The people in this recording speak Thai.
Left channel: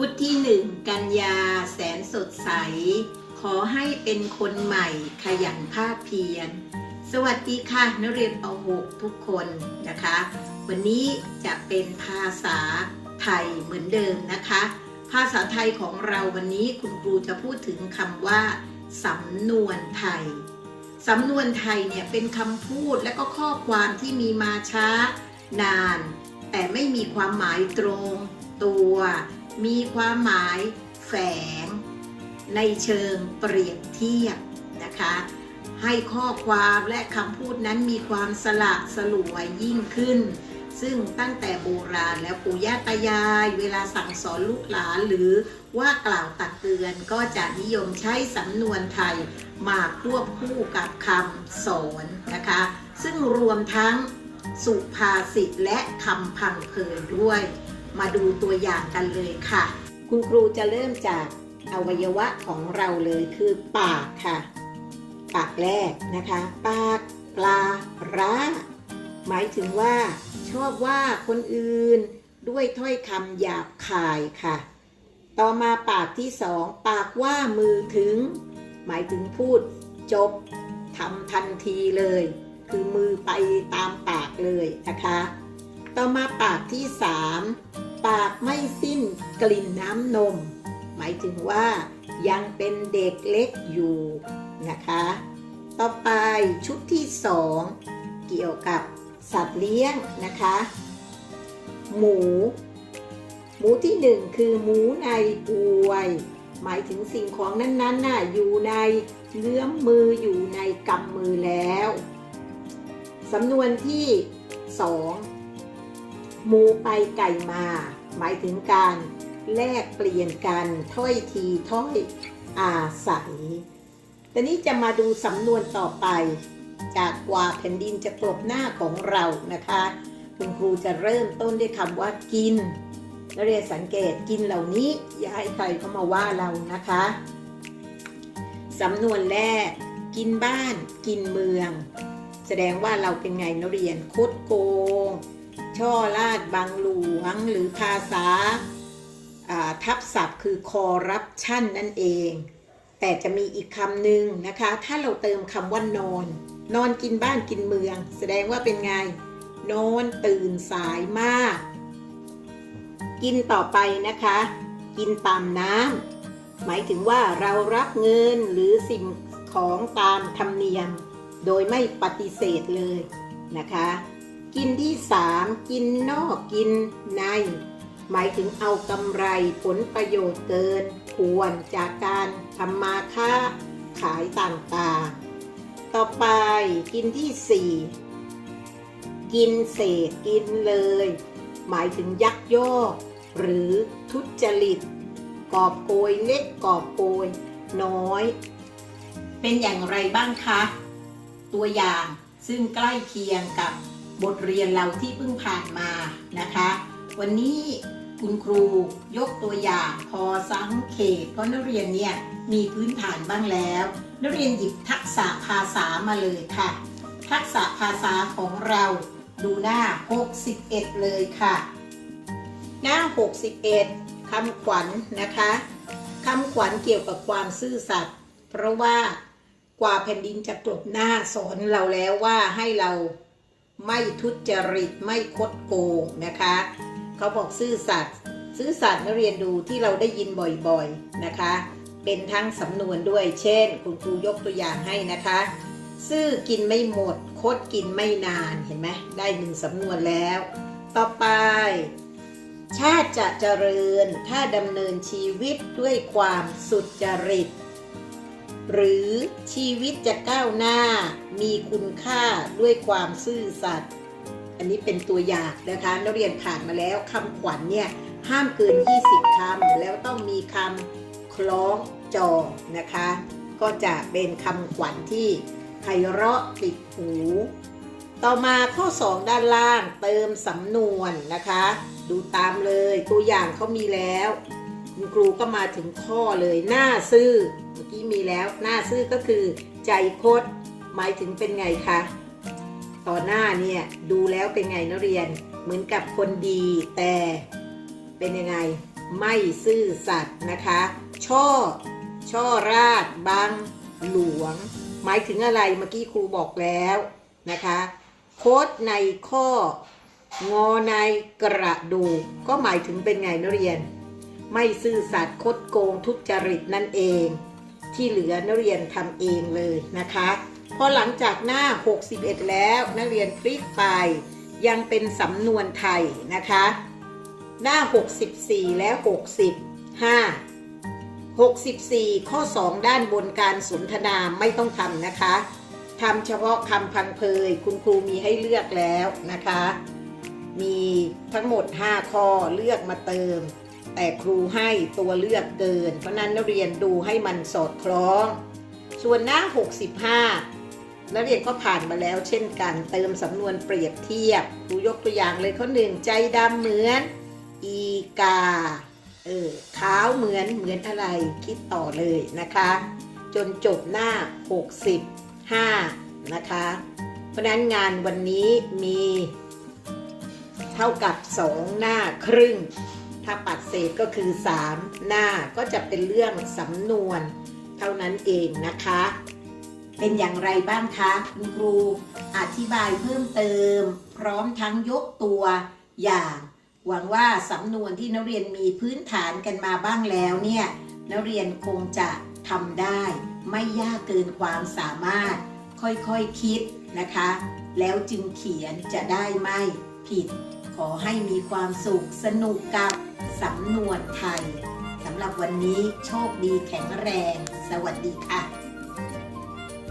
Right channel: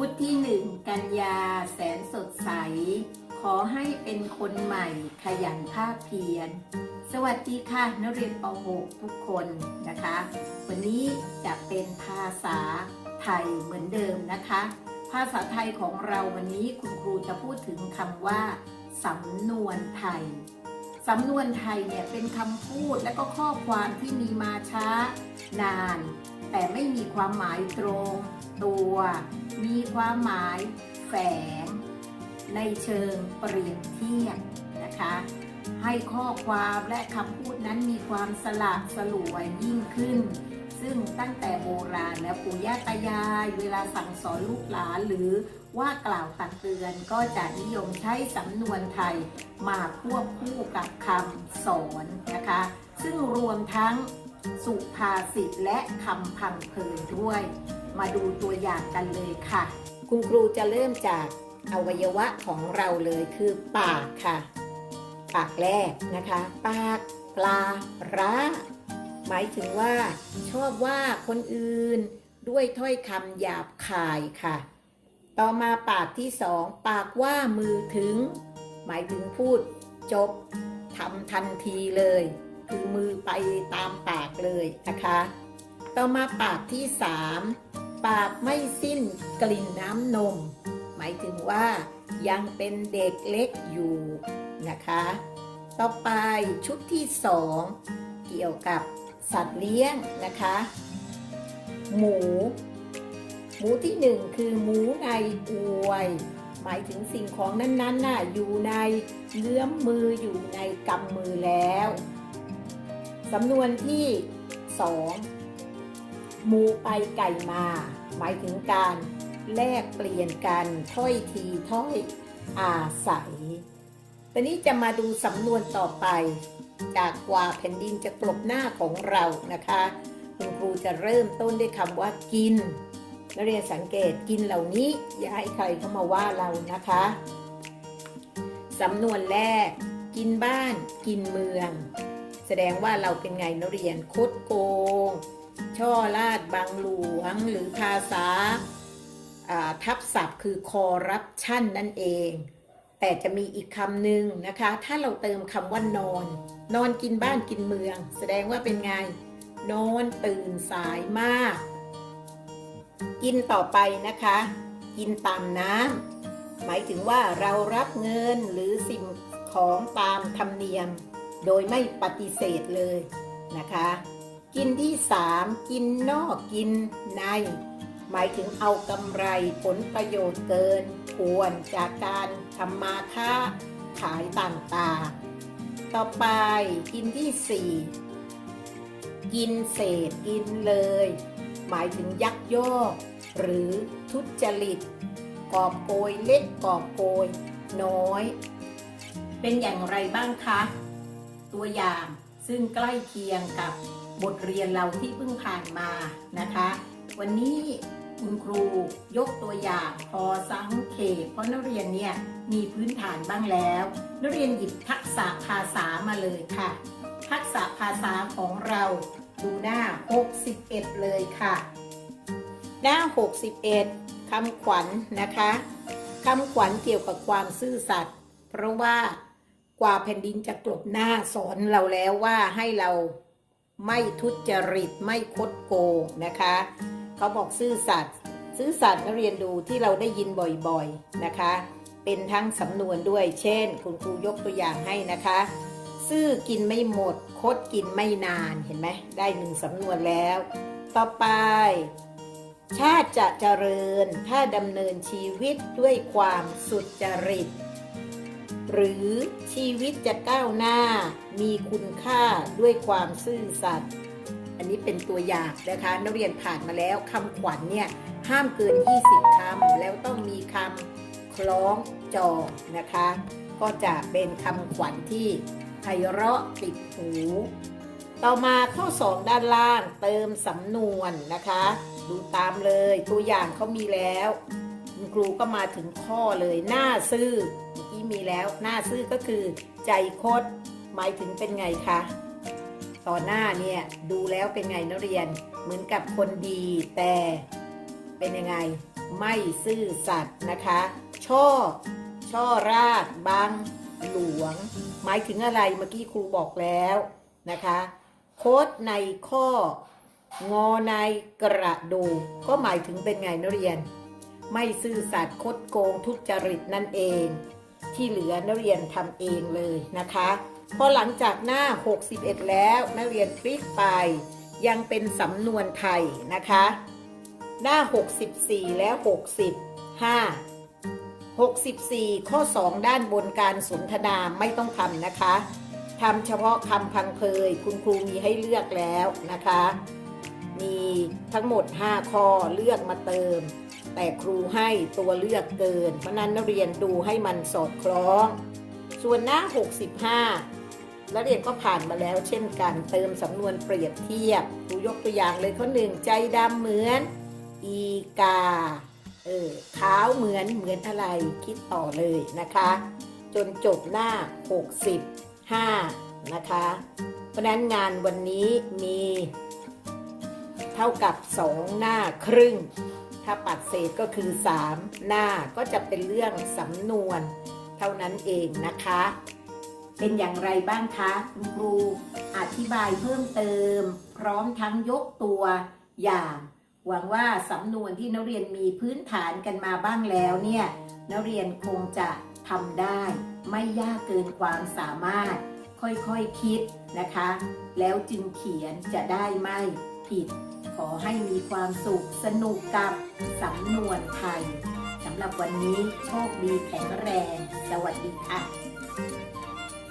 พุทธที่หนึ่งกันยาแสนสดใส ขอให้เป็นคนใหม่ขยันภาคเพียร สวัสดีค่ะนักเรียนป .6 ทุกคนนะคะ วันนี้จะเป็นภาษาไทยเหมือนเดิมนะคะ ภาษาไทยของเราวันนี้คุณครูจะพูดถึงคำว่าสำนวนไทย สำนวนไทยเนี่ยเป็นคำพูดและก็ข้อความที่มีมาช้า นาน แต่ไม่มีความหมายตรง ตัว มีความหมายแฝงในเชิงเปรียบเทียบนะคะ ให้ข้อความและคำพูดนั้นมีความสละสลวยยิ่งขึ้น ซึ่งตั้งแต่โบราณแล้วปู่ย่าตายาย เวลาสั่งสอนลูกหลานหรือว่ากล่าวตักเตือนก็จะนิยมใช้สำนวนไทยมาควบคู่กับคำสอนนะคะ ซึ่งรวมทั้งสุภาษิตและคำพังเพยด้วย มาดูตัวอย่างกันเลยค่ะ คุณครูจะเริ่มจากอวัยวะของเราเลยคือปากค่ะ ปากแรกนะคะ ปากปลาร้าหมายถึงว่า ชอบว่าคนอื่นด้วยถ้อยคำหยาบคายค่ะ ต่อมาปากที่สองปากว่ามือถึง หมายถึงพูดจบทำทันทีเลย คือมือไปตามปากเลยนะคะ ต่อมาปากที่สาม ปากไม่สิ้นกลิ่นน้ำนม หมายถึงว่ายังเป็นเด็กเล็กอยู่นะคะ ต่อไปชุดที่สองเกี่ยวกับสัตว์เลี้ยงนะคะ หมู หมูที่หนึ่งคือหมูในอวย หมายถึงสิ่งของนั้นๆน่ะอยู่ในเงื้อมมืออยู่ในกำมือแล้วสำนวนที่สองหมูไปไก่มา หมายถึงการแลกเปลี่ยนกันถ้อยทีถ้อยอาศัยแต่นี้จะมาดูสำนวนต่อไป จากกว่าแผ่นดินจะกลบหน้าของเรานะคะ คุณครูจะเริ่มต้นด้วยคำว่ากินนักเรียนสังเกตกินเหล่านี้ อย่าให้ใครเข้ามาว่าเรานะคะสำนวนแรก กินบ้าน กินเมือง แสดงว่าเราเป็นไงนักเรียนคุดโกง ช่อลาดบังหลวงหรือภาษาอ่าทับศัพท์คือคอรัปชันนั่นเอง แต่จะมีอีกคำหนึ่งนะคะ ถ้าเราเติมคำว่านอน นอนกินบ้านกินเมือง แสดงว่าเป็นไง นอนตื่นสายมาก กินต่อไปนะคะ กินตามน้ำหมายถึงว่าเรารับเงินหรือสิ่งของตามธรรมเนียม โดยไม่ปฏิเสธเลยนะคะ กินที่สามกินนอกกินใน หมายถึงเอากำไรผลประโยชน์เกิน ควรจากการทำมาค้าขายต่างๆ ต่อไปกินที่สี่กินเศษกินเลย หมายถึงยักยอกหรือทุจริตกอบโกยเล็กกอบโกยน้อย เป็นอย่างไรบ้างคะ ตัวอย่างซึ่งใกล้เคียงกับ บทเรียนเราที่เพิ่งผ่านมานะคะ วันนี้คุณครูยกตัวอย่างพอสังเขปเพราะนักเรียนเนี่ยมีพื้นฐานบ้างแล้ว นักเรียนหยิบทักษะภาษามาเลยค่ะ ทักษะภาษาของเราดูหน้า 61 เลยค่ะ หน้า 61คำขวัญนนะคะคำขวัญเกี่ยวกับความซื่อสัตย์เพราะว่ากว่าแผ่นดินจะกลบหน้าสอนเราแล้วว่าให้เรา ไม่ทุจริตไม่คดโกงนะคะ เขาบอกซื่อสัตย์ซื่อสัตย์นักเรียนดูที่เราได้ยินบ่อยๆนะคะ เป็นทั้งสำนวนด้วย เช่น คุณครูยกตัวอย่างให้นะคะ ซื่อกินไม่หมด คดกินไม่นานเห็นไหมได้หนึ่งสำนวนแล้ว ต่อไป ชาติจะเจริญถ้าดำเนินชีวิตด้วยความสุจริต หรือชีวิตจะก้าวหน้ามีคุณค่าด้วยความซื่อสัตย์อันนี้เป็นตัวอย่างนะคะนักเรียนผ่านมาแล้วคำขวัญเนี่ยห้ามเกิน 20 คำ แล้วต้องมีคำคล้องจองนะคะ ก็จะเป็นคำขวัญที่ไพเราะติดหู ต่อมาข้อ 2 ด้านล่างเติมสำนวนนะคะ ดูตามเลยตัวอย่างเขามีแล้ว คุณครูก็มาถึงข้อเลยหน้าซื่อเมื่อกี้มีแล้ว หน้าซื่อก็คือ ใจคดหมายถึงเป็นไงคะต่อหน้าเนี่ยดูแล้วเป็นไงนักเรียน เหมือนกับคนดีแต่เป็นยังไง ไม่ซื่อสัตย์นะคะ ช่อ ช่อราดบังหลวง หมายถึงอะไรเมื่อกี้ครูบอกแล้วนะคะ โคดในข้องอในกระดูกก็หมายถึงเป็นไงนักเรียน ไม่ซื่อสัตย์คดโกงทุจริตนั่นเอง ที่เหลือนักเรียนทำเองเลยนะคะพอหลังจากหน้า 61 แล้วนักเรียนพลิกไป ยังเป็นสำนวนไทยนะคะ หน้า 64 และ65 64 ข้อ 2 ด้านบนการสนทนาไม่ต้องทำนะคะทำเฉพาะคำพังเพยคุณครูมีให้เลือกแล้วนะคะ มีทั้งหมด 5 ข้อเลือกมาเติม แต่ครูให้ตัวเลือกเกิน เพราะนั้นนักเรียนดูให้มันสอดคล้อง ส่วนหน้า 65 นักเรียนก็ผ่านมาแล้วเช่นกัน เติมสำนวนเปรียบเทียบครูยกตัวอย่างเลยข้อหนึ่งใจดำเหมือน อีกา เออขาวเหมือนเหมือนอะไรคิดต่อเลยนะคะ จนจบหน้า 65 นะคะ เพราะฉะนั้นงานวันนี้มี เท่ากับ 2 หน้าครึ่ง ถ้าปัดเศษก็คือ 3 หน้าก็จะเป็นเรื่องสำนวนเท่านั้นเองนะคะ เป็นอย่างไรบ้างคะคุณครูอธิบายเพิ่มเติม พร้อมทั้งยกตัวอย่าง หวังว่าสำนวนที่นักเรียนมีพื้นฐานกันมาบ้างแล้วเนี่ยนักเรียนคงจะทำได้ ไม่ยากเกินความสามารถ ค่อยๆคคิดนะคะ แล้วจึงเขียนจะได้ไม่ผิด ขอให้มีความสุขสนุกกับสำนวนไทยสำหรับวันนี้โชคดีแข็งแรง สวัสดีค่ะ